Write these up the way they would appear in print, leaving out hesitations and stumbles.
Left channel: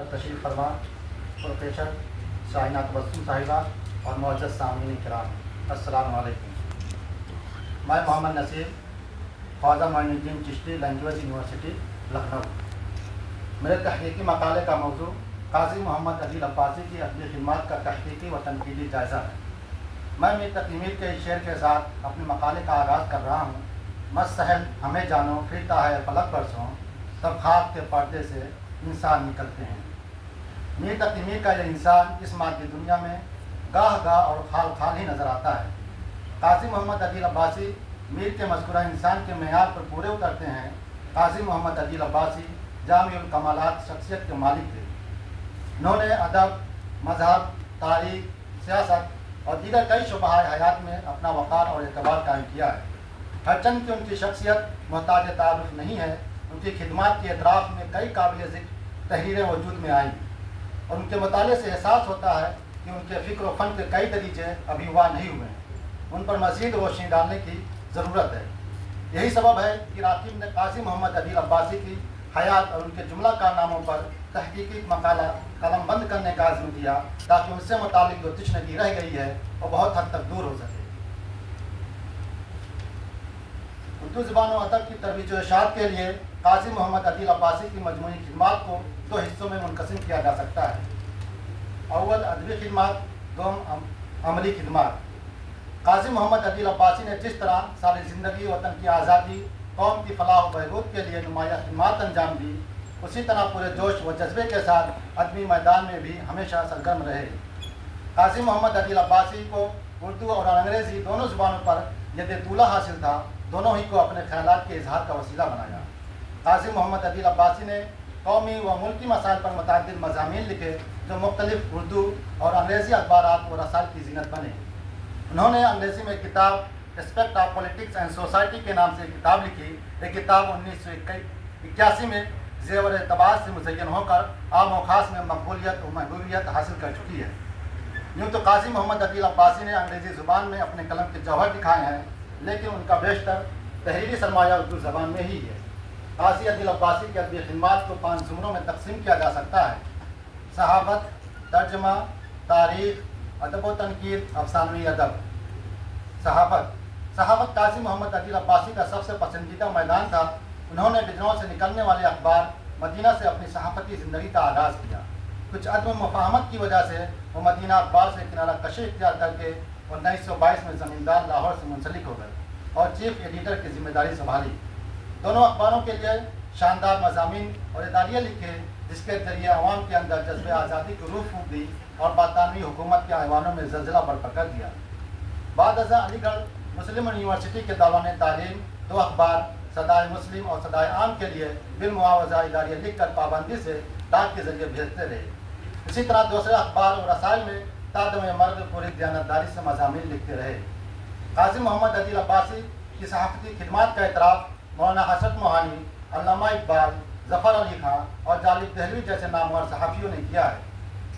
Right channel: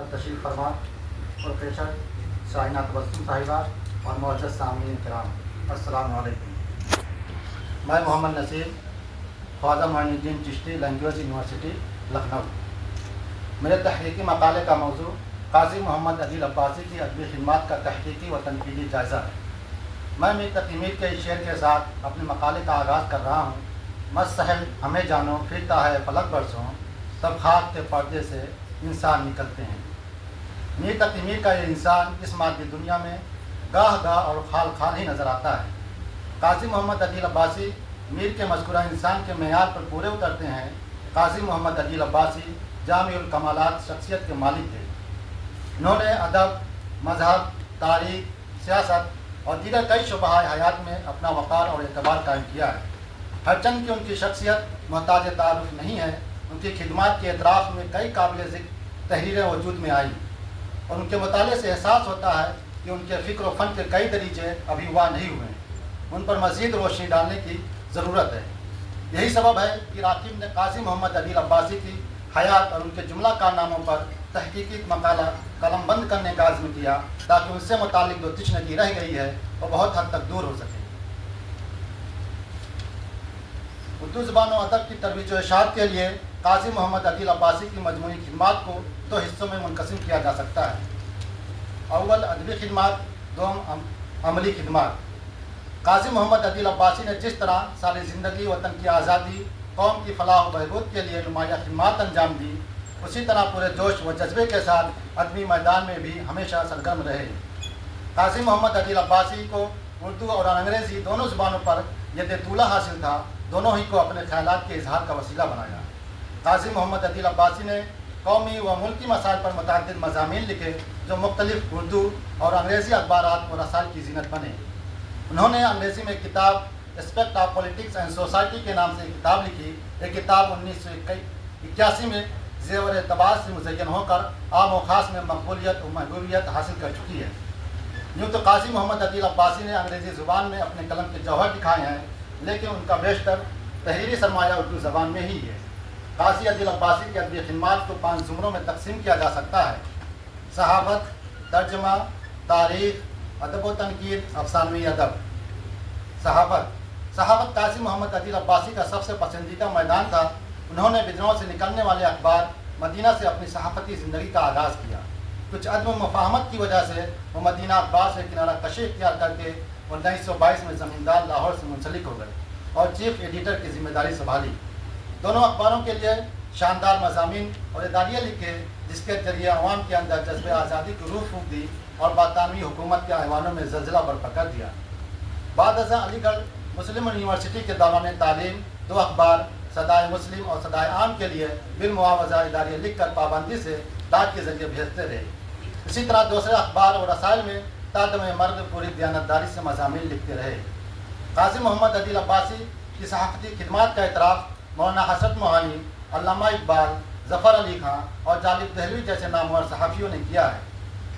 تشریف فرما پروفیسر شاہینہ تبسم صاحبہ اور معزز سامعین کرام، السلام علیکم۔ میں محمد نصیر، خواجہ معین الدین چشتی، لینگویج یونیورسٹی لکھنؤ۔ میرے تحقیقی مقالے کا موضوع قاضی محمد عدیل عباسی کی ادبی خدمات کا تحقیقی و تنقیدی جائزہ ہے۔ میں میر تقی میر کے اس شعر کے ساتھ اپنے مقالے کا آغاز کر رہا ہوں۔ مست سہل ہمیں جانو، پھرتا ہے فلک برسوں، تب خاک کے پردے سے انسان نکلتے ہیں۔ میر تقی میر کا یہ انسان اس مادی دنیا میں گاہ گاہ اور خال خال ہی نظر آتا ہے۔ قاضی محمد عدیل عباسی میر کے مذکورہ انسان کے معیار پر پورے اترتے ہیں۔ قاضی محمد عدیل عباسی جامع الکمالات شخصیت کے مالک تھے۔ انہوں نے ادب، مذہب، تاریخ، سیاست اور دیگر کئی شعبہ حیات میں اپنا وقار اور اعتبار قائم کیا ہے۔ ہرچند کہ ان کی شخصیت محتاج تعارف نہیں ہے، ان کی خدمات کے اعتراف میں کئی قابل ذکر تحریریں وجود میں آئیں، اور ان کے مطالعے سے احساس ہوتا ہے کہ ان کے فکر و فن کے کئی دریچے ابھی ہوا نہیں ہوئے ہیں، ان پر مزید روشنی ڈالنے کی ضرورت ہے۔ یہی سبب ہے کہ راقب نے قاضی محمد عدیل عباسی کی حیات اور ان کے جملہ کارناموں پر تحقیقی مقالہ قلم بند کرنے کا عزم کیا، تاکہ ان سے متعلق جو تشنگی رہ گئی ہے وہ بہت حد تک دور ہو سکے۔ اردو زبان و ادب کی ترویج و اشاعت کے لیے قاضی محمد عدیل عباسی کی مجموعی خدمات کو دو حصوں میں منقسم کیا جا سکتا ہے۔ اول ادبی خدمات، دوم عملی خدمات۔ قاضی محمد عدیل عباسی نے جس طرح ساری زندگی وطن کی آزادی، قوم کی فلاح و بہبود کے لیے نمایاں خدمات انجام دی، اسی طرح پورے جوش و جذبے کے ساتھ ادبی میدان میں بھی ہمیشہ سرگرم رہے۔ قاضی محمد عدیل عباسی کو اردو اور انگریزی دونوں زبانوں پر ید طولہ حاصل تھا، دونوں ہی کو اپنے خیالات کے اظہار کا وسیلہ بنایا۔ قاضی محمد عدیل عباسی نے قومی و ملکی مسائل پر متعدد مضامین لکھے جو مختلف اردو اور انگریزی اخبارات و رسائل کی زینت بنے۔ انہوں نے انگریزی میں کتاب aspect of politics and society کے نام سے کتاب لکھی۔ یہ کتاب 1981 میں زیور اعتبار سے مزین ہو کر عام و خاص میں مقبولیت و محبوبیت حاصل کر چکی ہے۔ یوں تو قاضی محمد عدیل عباسی نے انگریزی زبان میں اپنے قلم کے جوہر دکھائے ہیں، لیکن ان کا بیشتر تحریری سرمایہ اردو زبان میں ہی ہے۔ قاضی عدیل عباسی کی ادبی خدمات کو 5 زمروں میں تقسیم کیا جا سکتا ہے: صحافت، ترجمہ، تاریخ، ادب و تنقید، افسانوی ادب۔ صحافت قاضی محمد عدیل عباسی کا سب سے پسندیدہ میدان تھا۔ انہوں نے بدروں سے نکلنے والے اخبار مدینہ سے اپنی صحافتی زندگی کا آغاز کیا۔ کچھ عدم مفاہمت کی وجہ سے وہ مدینہ اخبار سے کنارہ کشی اختیار کر کے 1922 میں زمیندار لاہور سے منسلک ہو گئے اور چیف ایڈیٹر کی ذمہ داری سنبھالی۔ دونوں اخباروں کے لیے شاندار مضامین اور اداریہ لکھے، جس کے ذریعے عوام کے اندر جذبہ آزادی کی روح پھونک دی اور برطانوی حکومت کے ایوانوں میں زلزلہ برپا کر دیا۔ بعد ازاں علی گڑھ مسلم یونیورسٹی کے دوران تعلیم 2 اخبار صدائے مسلم اور صدائے عام کے لیے بالمعاوضہ اداریہ لکھ کر پابندی سے ڈاک کے ذریعے بھیجتے رہے۔ اسی طرح دوسرے اخبار اور رسائل میں تادم مرد پوری دیانتداری سے مضامین لکھتے رہے۔ قاضی محمد عدیل عباسی کی صحافتی خدمات کا اعتراف مولانا حسرت موہانی، علامہ اقبال، ظفر علی خان اور جالب دہلوی جیسے نامور صحافیوں نے کیا ہے۔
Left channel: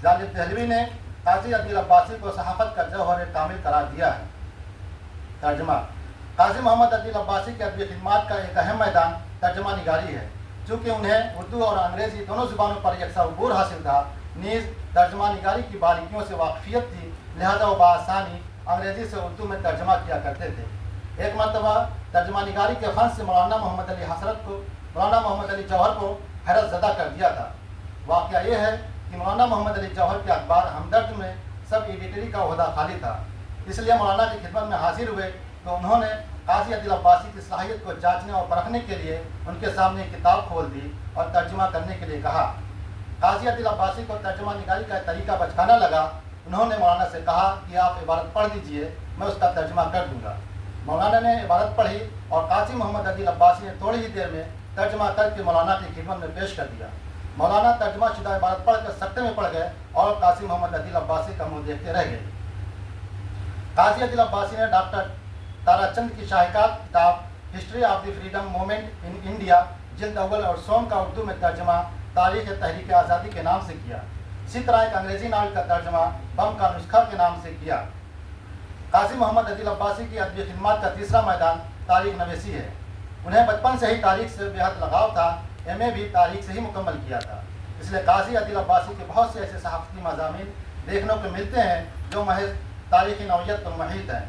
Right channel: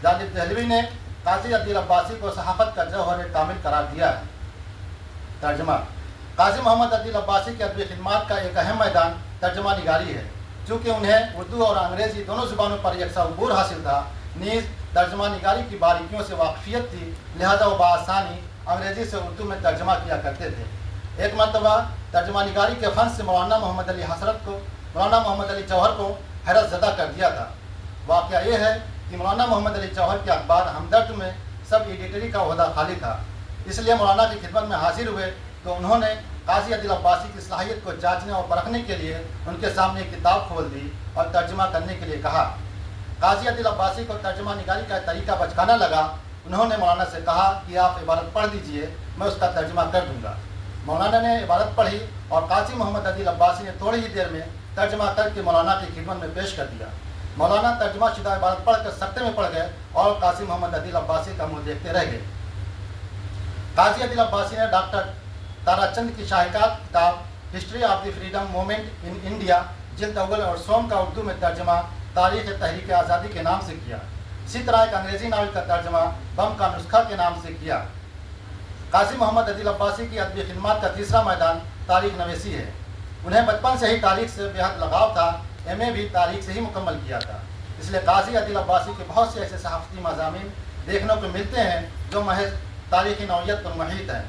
جالب دہلوی نے قاضی عدیل عباسی کو صحافت کا جوہر کامل قرار دیا ہے۔ ترجمہ۔ قاضی محمد عدیل عباسی کی ادبی خدمات کا ایک اہم میدان ترجمہ نگاری ہے۔ چونکہ انہیں اردو اور انگریزی دونوں زبانوں پر یکساں عبور حاصل تھا، نیز ترجمہ نگاری کی باریکیوں سے واقفیت تھی، لہذا وہ بآسانی انگریزی سے اردو میں ترجمہ کیا کرتے تھے۔ ایک مرتبہ ترجمہ نگاری کے فن سے مولانا محمد علی جوہر کو حیرت زدہ کر دیا تھا۔ واقعہ یہ ہے کہ مولانا محمد علی جوہر کے اخبار ہمدرد میں سب ایڈیٹری کا عہدہ خالی تھا، اس لیے مولانا کی خدمت میں حاضر ہوئے تو انہوں نے قاضی عدیل عباسی کی صلاحیت کو جانچنے اور پرکھنے کے لیے ان کے سامنے کتاب کھول دی اور ترجمہ کرنے کے لیے کہا۔ قاضی عدیل عباسی کو ترجمہ نگاری کا طریقہ بچکانا لگا۔ انہوں نے مولانا سے کہا کہ آپ عبارت پڑھ دیجئے، میں اس کا ترجمہ کر دوں گا۔ مولانا نے عبارت پڑھی اور قاضی محمد عدیل عباسی نے تھوڑی ہی دیر میں ترجمہ کر کے مولانا کی خدمت میں پیش کر دیا۔ مولانا ترجمہ شدہ عبارت پڑھ کر سکتے میں پڑ گئے اور قاضی محمد عدیل عباسی کا منہ دیکھتے رہ گئے۔ قاضی عدیل عباسی نے ڈاکٹر تارا چند کی شاہکار کتاب history of the freedom movement in India جلد اول اور سوم کا اردو میں ترجمہ تاریخ تحریک آزادی کے نام سے کیا۔ اسی طرح ایک انگریزی ناول کا ترجمہ بم کا نسخہ کے نام سے کیا۔ قاضی محمد عدیل عباسی کی ادبی خدمات کا تیسرا میدان تاریخ نویسی ہے۔ انہیں بچپن سے ہی تاریخ سے بے حد لگاؤ تھا، ایم اے بھی تاریخ سے ہی مکمل کیا تھا۔ इसलिए काजी अदील अब्बासी के बहुत से ऐसे सहाफ़ती मज़ामीन देखने को मिलते हैं जो महज तारीख़ नौइयत पर मुहित हैं।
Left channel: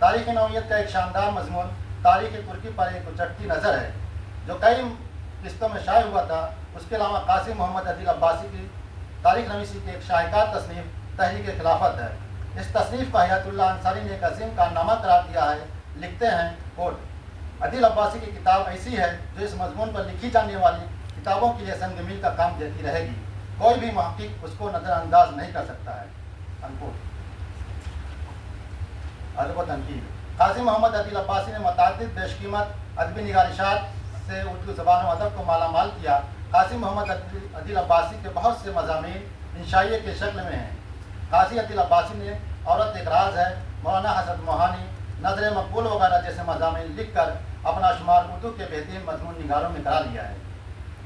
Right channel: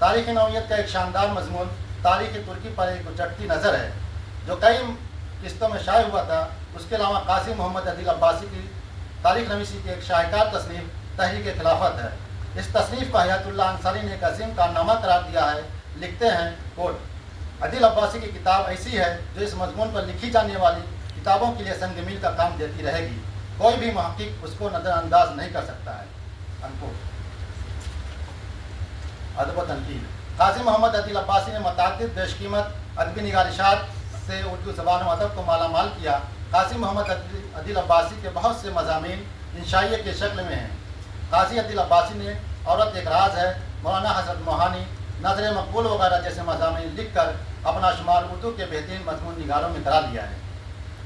तारीख़ नौइयत का एक शानदार मजमून तारीख़ तुर्की पर एक उचटती नज़र है जो कई किस्तों में शाये हुआ था। उसके अलावा काजी मोहम्मद अदील अब्बासी की तारीख़ नवीसी की एक शाहकार तसनीफ़ तहरीक खिलाफत है। इस तसनीफ़ को हयातुल्लाह अंसारी ने एक अजीम कारनामा करार दिया है। लिखते हैं कोट, अदील अब्बासी की किताब ऐसी है जो इस मजमून पर लिखी जाने वाली किताबों के लिए संग मील का काम देती रहेगी, कोई भी मुहक्किक उसको नज़रअंदाज नहीं कर सकता है। अनकोट। अदब व तनकीद। काजी मोहम्मद अदील अब्बासी ने मुतअद्दिद बेशकीमत अदबी निगारिशात से उर्दू ज़बान व अदब को मालामाल किया। काजी मोहम्मद अदील अब्बासी के बहुत से मज़ामीन इंशाइये के शक्ल में हैं। काजी अदील अब्बासी ने औरत एक राज है, मौलाना हज़रत मोहानी, नज़र मकबूल वगैरह जैसे मज़ामीन लिख कर अपना शुमार उर्दू के बेहतरीन मजमून निगारों में करा लिया है।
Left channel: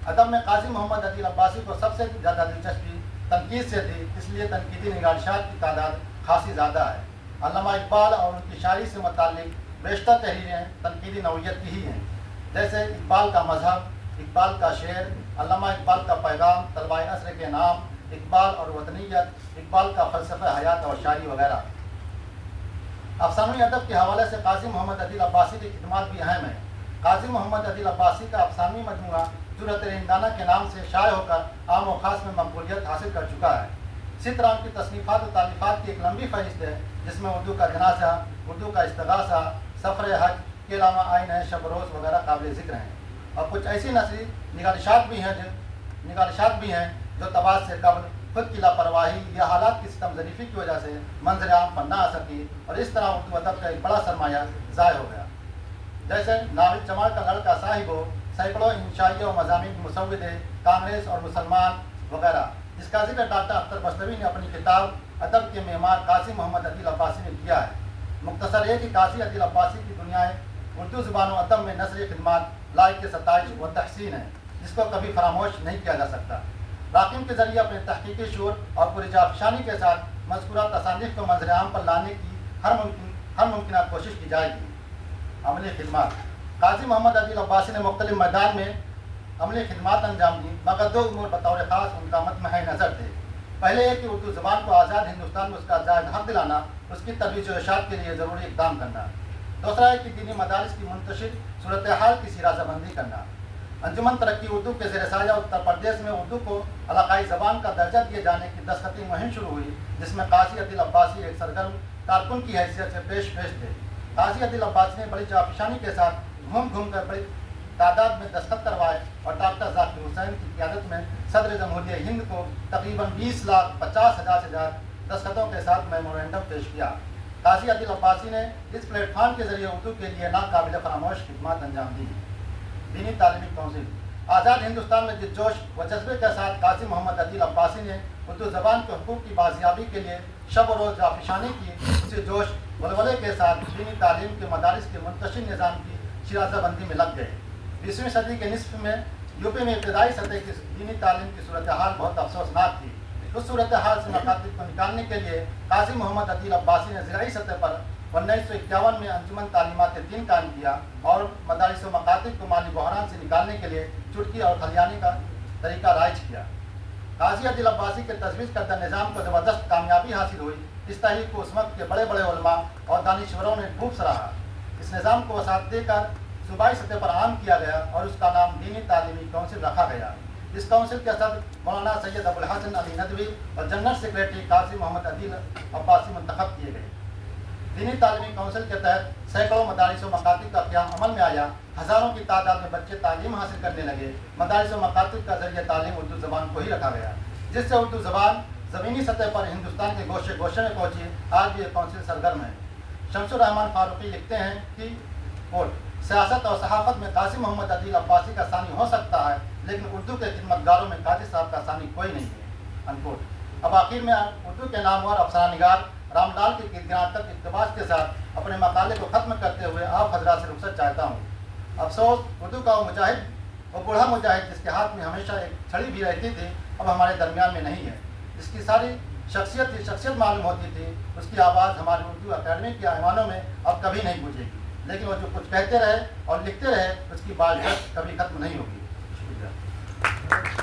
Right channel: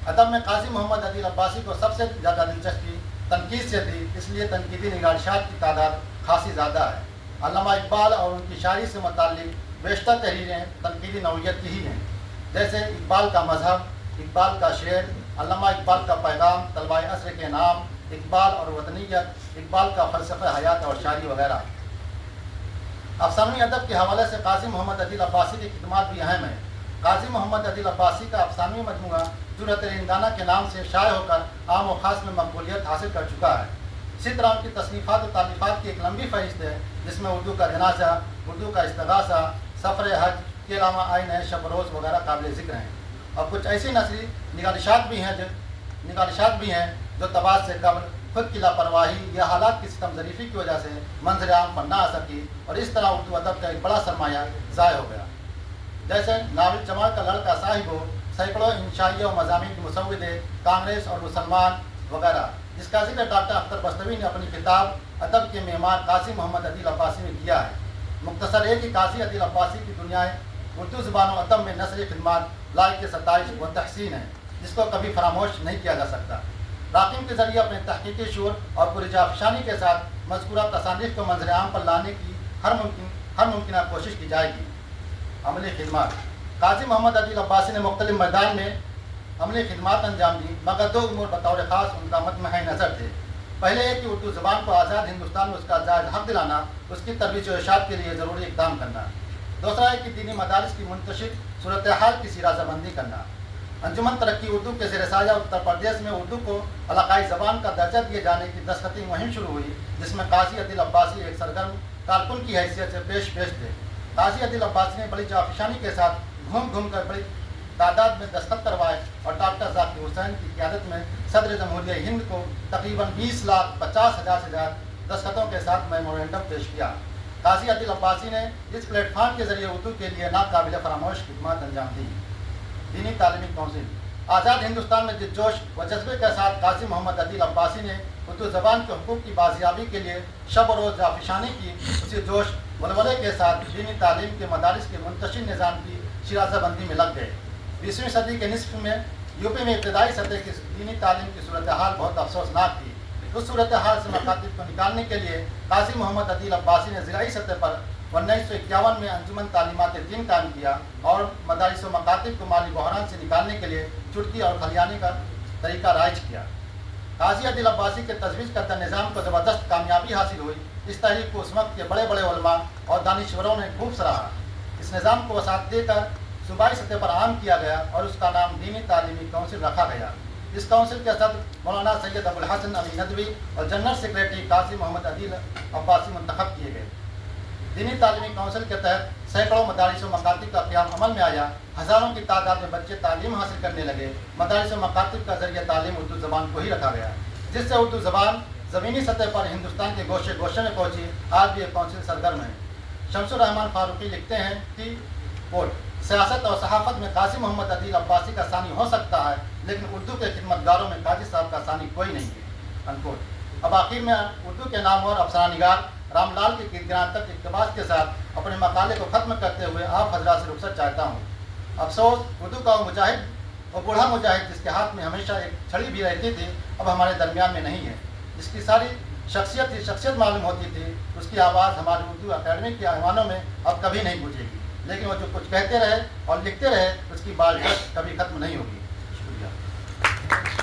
अदब में काजी मोहम्मद अदील अब्बासी को सबसे ज़्यादा दिलचस्पी तनकीद से थी, इसलिए तनकीदी निगारिशात की तादाद खासी ज़्यादा है। अल्लामा इकबाल और उनकी शायरी से मुताल्लिक़ बेशतर तहरीरें तनकीदी नौइयत की ही हैं, जैसे इकबाल का मजहब, इकबाल का शेर, अल्लामा इकबाल का पैगाम, तलवाए असर के नाम, इकबाल और वतनीयत, इकबाल का फ़लसफ़ा हयात और शायरी वगैरह। अफसानवी अदब के हवाले से काजी मोहम्मद अदील अब्बासी की खिदमत भी अहम है। काजी मोहम्मद अदील अब्बासी का अफसानवी मजमूआ जुरत रिंदाना के नाम से शाये होकर आम व ख़ास में मकबूलियत हासिल कर चुका है। इसी तरह उनकी तसनीफ़ात और तालीफ़ात की एक लंबी फहरिस्त है, जिसमें उर्दू का जनाजा, उर्दू का इस्तगासा, सफ़र हज के अलावा आइन शब रोज़ वगैरह काबिल ज़िक्र हैं। और कुछ ऐसी नसरी निगारिशात भी हैं जो तबाद से कबल खुद की लापरवाही या हालात की सितम ज़रीफ़ी की वजह से मंजर आम पर ना आ सकी और इस तरह उर्दू अदब का एक बड़ा सरमाया ज़ाय हो गया। जैसे नाविल जमाल का लड़का साहिब हो, सैकड़ों इंशाइया और मज़ामीन के मुसव्विदे, कांग्रेस और मुसलमान वगैरह, जिसका जिक्र डॉक्टर अख्तर बस्तवी ने अपनी किताब अदब के मेहमान काजी मोहम्मद अदील अब्बासी में किया है। मुख्तसर है कि काजी अदील अब्बासी की दुनियाएँ उर्दू ज़बान व अदब में नस्र खिदमत लायक सताइश व तहसीन है, जिसको कभी फरामोश नहीं किया जा सकता। राकिम के ज़रिए अपने तहकीकी शूर और पुरजाफशानी के साथ मज़कूरा तसानीफ़ को मंजर आम पर लाने की हर मुमकिन कोशिश की जाएगी। अमली खिदमत। काजी मोहम्मद अदील अब्बासी ने मुख्तलिफ मैदान में अमली खिदमत अंजाम दी, मगर दो उमूर बतौर ख़ास उनका मतमह नज़र थे। पहले है कि उर्दू ज़बान को आज़ाद हिंदुस्तान में उसका जायज़ हक़ दिलाना, उसकी तरोीज व इरशाद के लिए ज़रूरी इक़दाम करना। दूसरा है कि दीनी मदारिस की मुंतशिर सूरत हाल की सिराज़ाबंदी करना। अंजुमन तरक्की उर्दू के ज़ेर साया उत्तर प्रदेश में उर्दू को इलाक़ाई ज़बान का दर्जा दिए जाने की दस्तखती मुहिम शुरू हुई, जिसमें काजी अदील अब्बासी एक सरगर्म कारकुन की हैसियत से पेश थे। काजी अदील अब्बासी ने बड़ी जाफिशानी के साथ घूम कर बड़ी तादाद में दस्तखत करवाए और डॉक्टर ज़ाकिर हुसैन की क़ियादत में सदर जमहूरिया हिंद को तकरीबन 20,50,000 से ज़्यादा दस्तखतों के साथ मेमोरेंडम पेश किया। काजी अदील अब्बासी ने इस प्लेटफार्म के ज़रिए उर्दू के लिए नाकाबिल फरामोश खिदमत अंजाम दी। दीनी तालीमी कौंसिल। आज़ाद हिंदुस्तान में जिद्दोश व जज्बे के साथ काजी मोहम्मद अदील अब्बासी ने उर्दू ज़बान के हुकूक़ की बाजियाबी के लिए शब व रोज़ जाफिशानी की। इसी जोश वलवले के साथ दीनी तालीम के मदारिस के मुंतशिर निज़ाम की शिराज़ाबंदी में लग गए। 20वीं सदी के निस्फ में यूपी में इब्तदाई सतह की दीनी तालीम की सूरत हाल बहुत अफसोसनाक थी। उस सूरत हाल से मकातिब को निकालने के लिए काजी मोहम्मद अदील अब्बासी ने ज़िलाई सतह पर 1951 में अंजुमन तालीमात दीन कायम किया और मदारिस व मकातिब को माली बहरान से निकालने के लिए चुटकी और खलियानी का तरीका राइज किया। काजी अदील अब्बासी के तजवीज़ करता निज़ाम को ज़बरदस्त कामयाबी हासिल हुई। इस तहरीक को उस वक्त के बड़े बड़े उलमा और दानिश्वरों ने खूब सराहा। इस निज़ाम को वसात देकर सूबाई सतह पर आम किया गया और उसका नाम दीनी तालीमी कौंसिल रखा गया। इस कौंसिल के सदर मौलाना सैयद अबुल हसन अली नदवी और जनरल सेक्रेटरी काजी मोहम्मद अदील अब्बासी मुंतखब किए गए। दीनी तालीमी कौंसिल के तहत सैकड़ों मदारिस व मकातिब का क़याम अमल में आया। हज़ारों की तादाद में बच्चे तालीम हासिल करने लगे। मदारिस व मकातिब का ज़रिए तालीम उर्दू ज़बान को ही रखा गया, जिससे उर्दू ज़बान ज़मीनी सतह पर हिंदुस्तान के गोशे गोशे में पहुँची। आज भी एक कौंसिल सरगर्म है। शमसुर रहमान फारूकी लिखते हैं कि कोट, सियासत और सहाफ़त में काजी मोहम्मद अदील अब्बासी का सानी हो सकता है, लेकिन उर्दू के खिदमतगारों में काजी साहब का सानी कोई नहीं है। अनकोट। अब आखिर में उर्दू के नामवर अफसाना निगार रामलाल के गिरगिरां तक इक़्तिबास के साथ अपने मकाले को ख़त्म करते हुए आप हज़रात से रुख़सत चाहता हूँ। अफसोस, उर्दू का वो मुजाहिद और बूढ़ा मुजाहिद जिसके हाथ में हमेशा एक छड़ी भी रहती थी, अब हमारे दरमियान में नहीं है। जिसकी सारी शख्सियत मालूम होती थी, उसकी आवाज़ हमारी उर्दू अकेडमी के ऐवानों में अब कभी नहीं गूंजेगी। लेकिन वो जो कुछ कहते रहे और लिखते रहे, उसकी बात कभी ख़त्म नहीं होगी। शुक्रिया।